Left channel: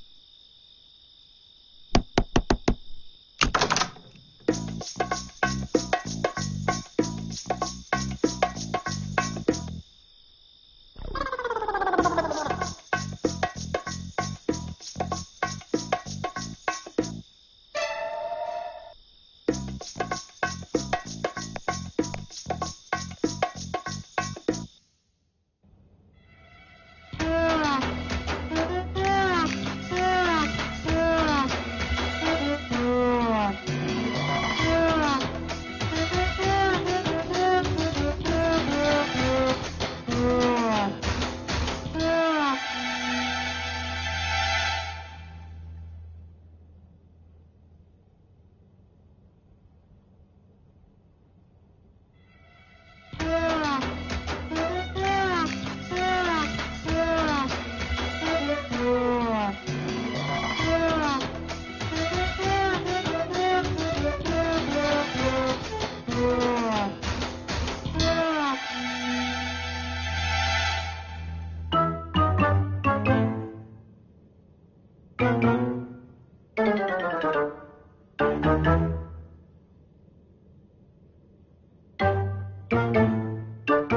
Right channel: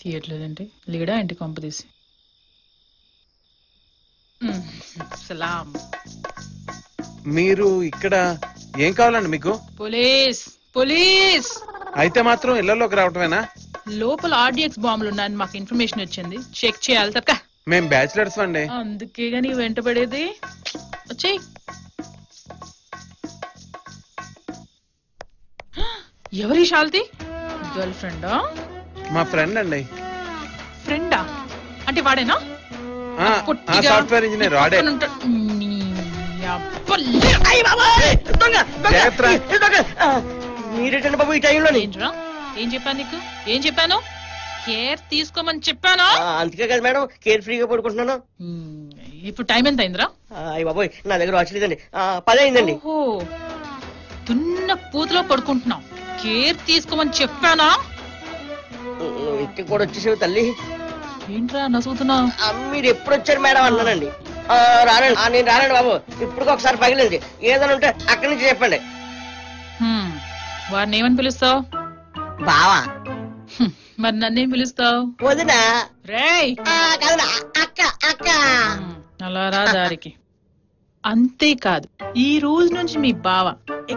తీయట్లేదంటే లీడా ఇంటి కొంప తీసి సలాం. మీరు ఇక్కడ ఏం కావాలండి మీకు? Police police. అయితే మాత్రం ఇళ్లలోకి రావటమేనా? లోపల ఆర్డిఎక్స్ బాంబులు ఉన్నాయని మాకు ఇన్ఫర్మేషన్ వచ్చింది, చెక్ చేయాలి తప్ప. మేము బ్యాచిలర్స్ అండి. అందుకే గానీ వెంటబడేది. వచ్చేయ్. ఎవరి శాల్తి? గర్ల్ ఫ్రెండా? మా ఫ్రెండ్ అండి. ఫ్రెండా అంటే వాడేనా? సాఫ్ట్వేర్ ఇంజనీర్ వాడే. ఏం చెప్పాను నీకు? ఏం చెప్పాను? కేర్ తీసుకోమని చెప్పాను. అందుకే కదా మేడం కేర్ ఫ్రీగా పడుకుంటున్నాను. ఇప్పుడు టైం ఎంత అయిందిరా? అయ్యి బాబోయ్ నా దగ్గర వాచ్ లేదండి. 10 అయిందండి. చిన్న పూతలో పడుకుంటున్నావు, కేర్ తీసుకోమని చెప్పానా? ఇంటికి కూడా వచ్చేసావు తల్లి. ఏంట్రా నవ్వుతున్నా? మీరు ఎప్పుడు వచ్చారు మేడం అన్నానండి. రానండి, నేను రానండి బాబు. ఇప్పుడు ఒకసారి పగిలేదు. ఏదైనా ఉంటే అక్కడి నుంచి చెప్పండి. వారిని ఏమని పిలుస్తావు? బావా. మరి నన్నేం పిలుస్తావు? వదినా. రేయ్ అక్క అక్క. అలా రా దారికి. అంతేకాదు, ఈ రోజు నుంచి మీ బావ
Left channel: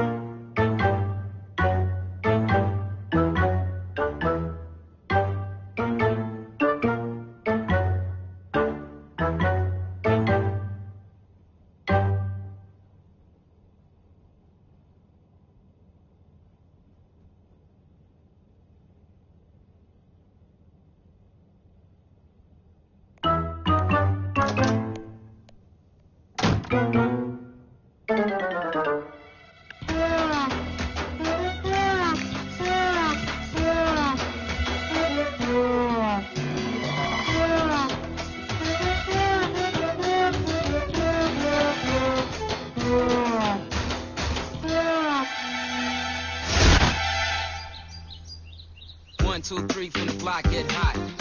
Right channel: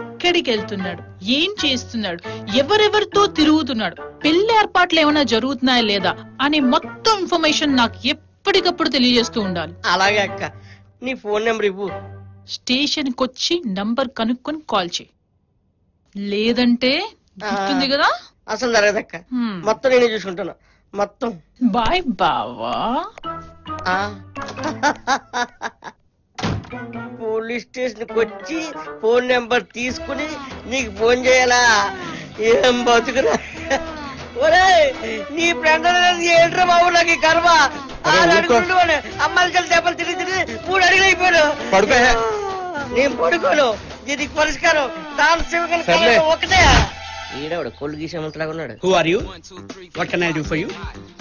ఎక్కడికి వెళ్తున్నాడు, ఏం చేస్తున్నాడు, ఎవరెవరితో తిరుగుతున్నాడు, పెళ్లి ఏర్పాట్లు ఏమైనా జరుగుతున్నాయా లేదా అనే మొత్తం ఇన్ఫర్మేషన్ నాకు ఎప్పటికప్పుడు తెలియజేస్తూ ఉండాలి. అలాగే అక్క. నీ ఫోన్ నెంబర్ ఇవ్వు. స్టేషన్ కి వచ్చి నంబర్ కనుక్కొని కాల్ చేయి. లేదంటే గుర్తుంది కదా? అసలు జరగదక్క. మొత్తం నేనే చూసుకుంటాను మొత్తం. బాయ్ బావా. పోలీస్ స్టేషన్ కి వచ్చి ఫోన్ నెంబర్ తీసుకుని నీకు ఫోన్ చేయాలా? ఏం బతుకురా. నీ ఫ్రెండ్ ఏంట్రా బాబు నాకు గర్వ. అమ్మాయిలు కలిసి దెబ్బలు తిరిగి 3 అడుగులు అయిపోయాను. నేను పడుకోను. దీనికి పరిష్కారం ఒకటే. కొళ్ళు గీసేమంతలాగా ఉన్నాడు.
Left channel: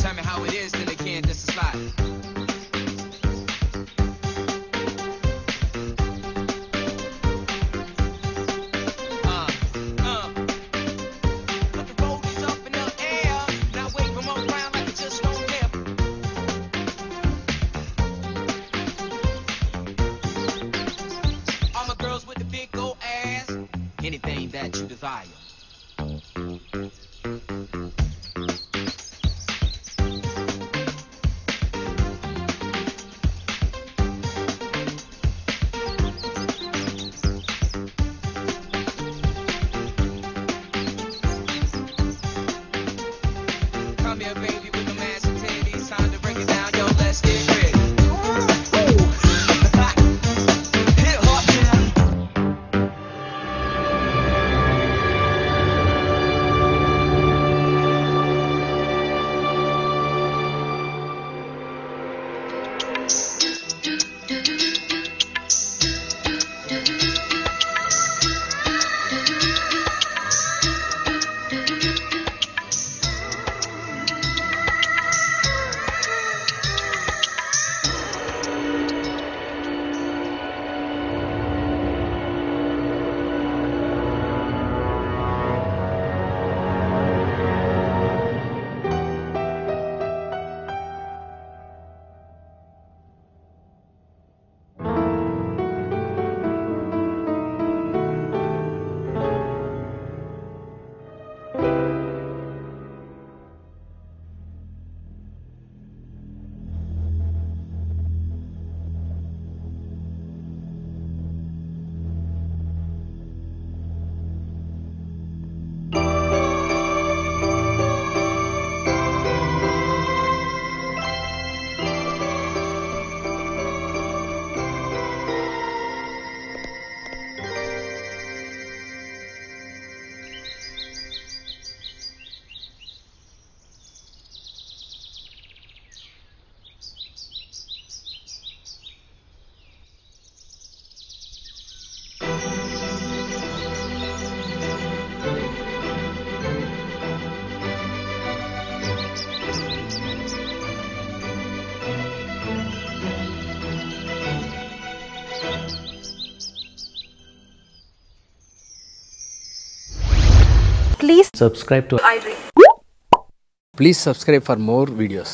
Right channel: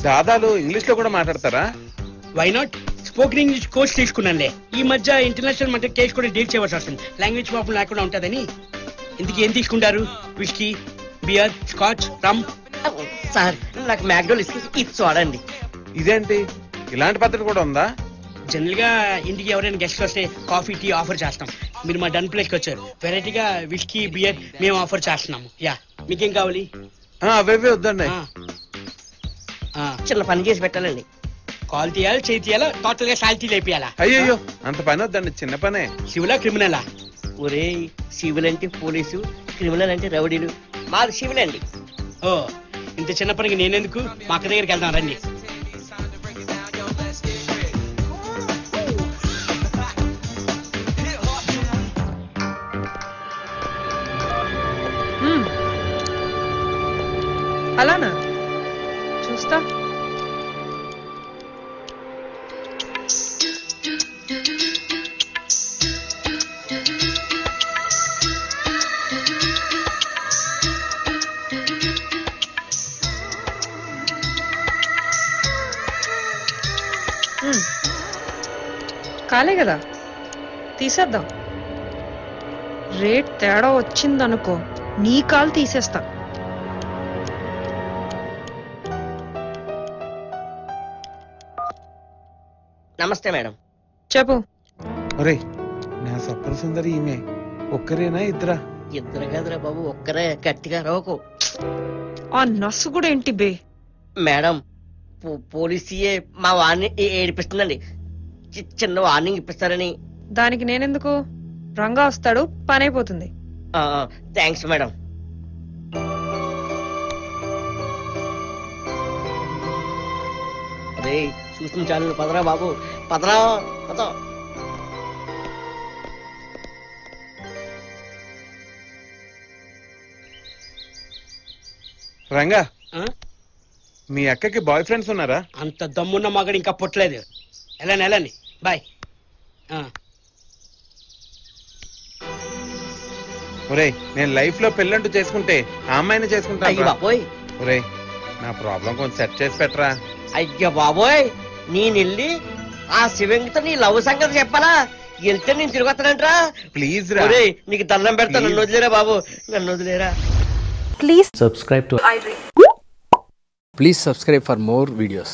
చాదాలు ఇంగ్లీష్ లో కూడా మాట్లాడతారా? Why not? Spoken English course తీసుకున్నానులే. ఈ మధ్య ఇంటర్నేషనల్ మధ్య కేసు కూడా డీల్ చేయవలసి వస్తుంది. లాంగ్వేజ్ ప్రాబ్లం లేకుండా ఉంటుందని. ఎందుకు ఏం తీసుకుంటారు? విస్కీ, బియర్, స్కాచ్, రమ్. సార్ నాకు మ్యాక్డోల్ ఇది చూడండి. ఇదేంటి ఇలాంటి పద్ధతి కూడా ఉందా? జనరల్ గా ఇంటికి ఎవరైనా గెస్ట్ వస్తే కాఫీ, టీ ఆఫర్ చేస్తాం. మీరు మా డన్ ప్లేస్ కి వచ్చారు. వెరైటీగా విస్కీ, బియర్ మేము ఆఫర్ చేస్తున్నాము. యా, మీకేం కావాలి? అవే వద్దండి. చిన్న పని చేసి పెట్టాలండి. కాల్ తీయాలి, చేయి తీయాలా, టోటల్ గా సాల్తీ అయిపోయాలా? అయ్యో అంత పని వద్దండి, చిన్న పనే. సివిలా క్రిమినలా? ఒరే సివిల్ అంటే పోలీసు, క్రిమినల్ అంటే రౌడీలు. మాది సివిల్ అండి. ఓ ఇంత చిన్న పనికి నేనెందుకు? మా అక్క దగ్గరికి వెళ్తాను రండి. అలానా? చూస్తా. కాలే కదా, తీసేద్దాం. రేట్ తేడా వచ్చిందనుకో నీ కాలు తీసేస్తా. నమస్తే మేడం. చెప్పు. సుందరి ఈమె ఒక్కరేనా ఇద్దరా? ఇద్దరు కదరా బాబు, ఒక్కరే. గట్టిగా రోకు. ఆ నస్సు కూడా ఏంటి బే? మేడం పోలీసీయే మా వాడిని ఏడిపిస్తుందండి. చిన్న వార్నింగ్ ఇప్పిస్తారని. దానికి నేనెందుకు? రంగా వస్తాడు, పని అయిపోతుంది. Thanks madam. అదే చూపించాను. పదరా బాబు, పదరా. రంగా, మీ అక్కకి బాయ్ ఫ్రెండ్స్ ఉన్నారా? అంత దమ్మున్న మగడు ఇంకా పుట్టలేదు. వెళ్ళండి బాయ్. ఒరేయ్, నేను లైఫ్ లో పెళ్ళంటూ చేసుకుంటే ఆ అమ్మాయిని చేసుకుంటా. బాబోయ్, నా ప్రాబ్లం కొంచెం సెట్ చేసి పెట్టరా. అయ్యో బాబోయ్, నేను వెళ్ళి ఆ శివంగితో నీ లవ్ సంగతి చెప్పాలా? వెళ్తే నేను తిరిగి వస్తానంటరా. ప్లీజ్ రా. ఒరేయ్ నీకు దండం పెడతా, నన్ను వదిలేరా బాబు, నన్ను వదిలేరా. Please subscribe to iDream. Please subscribe for more videos.